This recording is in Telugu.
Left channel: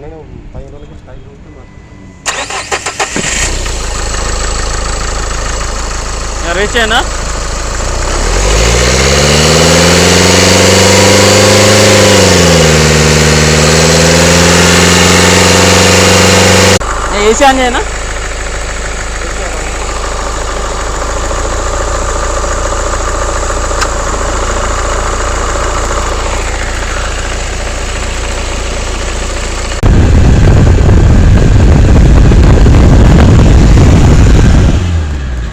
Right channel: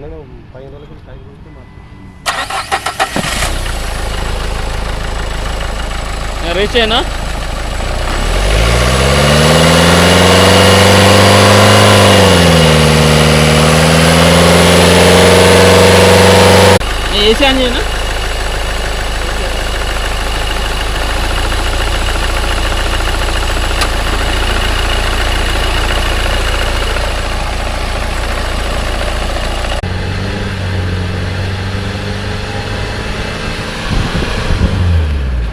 మొన్న 15 రోజులకి టైం రీచ్ అయినా ఏసీ ఆన్ చేయనా